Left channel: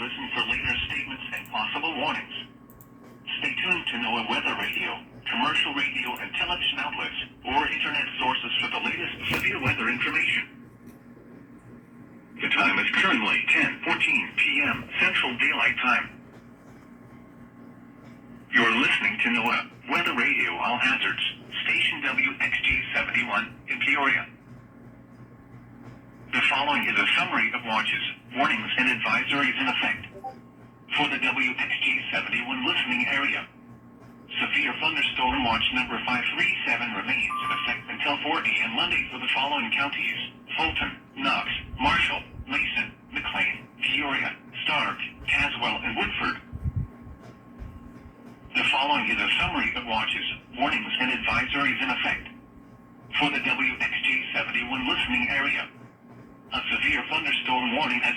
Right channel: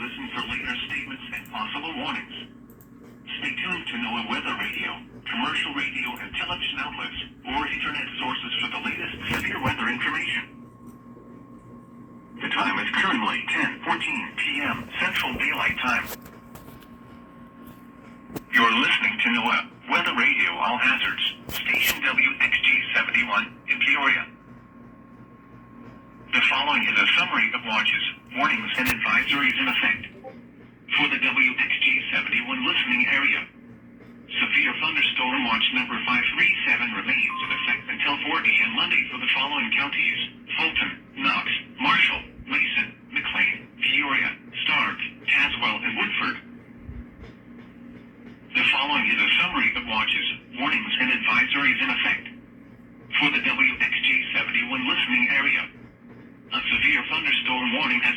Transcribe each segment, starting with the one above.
listen for later statements and possible warnings. Stay tuned to NOAA Weather Radio, commercial radio and television outlets, or internet sources for the latest severe weather information. The time is currently 10:14 p.m. Central Daylight Time. You're listening to NOAA Weather Radio All Hazards, station WXJ71 in Peoria. The following is a summary of watches, warnings, and advisories in effect. For the WXJ71 listening area, severe thunderstorm watch number 537 remains in effect until 4 a.m. Monday for the following counties: Fulton, Knox, Marshall, Mason, McLean, Peoria, Stark, Tazewell, and Woodford. The following is a summary of watches, warnings, and advisories in effect. For the WXJ71 listening area, a severe thunderstorm warning has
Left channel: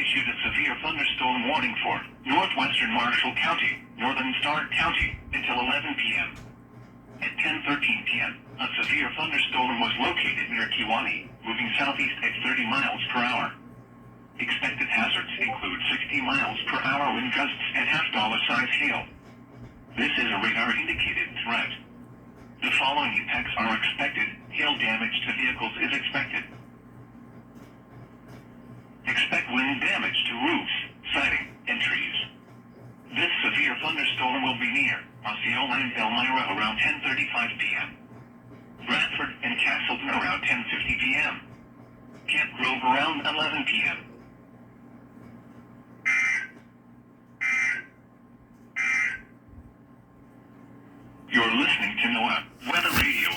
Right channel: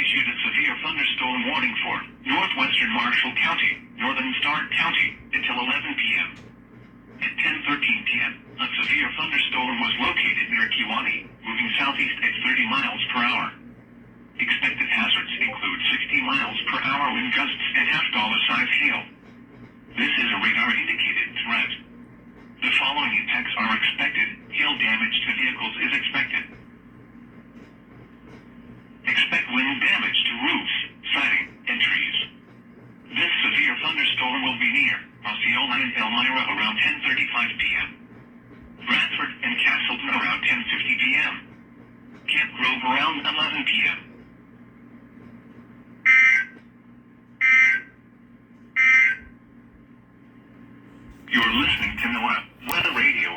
issued a severe thunderstorm warning for northwestern Marshall County, northern Stark County, until 11 p.m. At 10:13 p.m., a severe thunderstorm was located near Kewanee, moving southeast at 30 miles per hour. Expected hazards include 60 miles per hour wind gusts and half-dollar-size hail. This is a radar-indicated threat. The following effects are expected. Hail damage to vehicles is expected. Expect wind damage to roofs, siding, and trees. This severe thunderstorm will be near Osceola and Elmira around 10:35 p.m. Bradford and Castleton around 10:50 p.m. Camp Grove around 11 p.m. You're listening to NOAA Weather Radio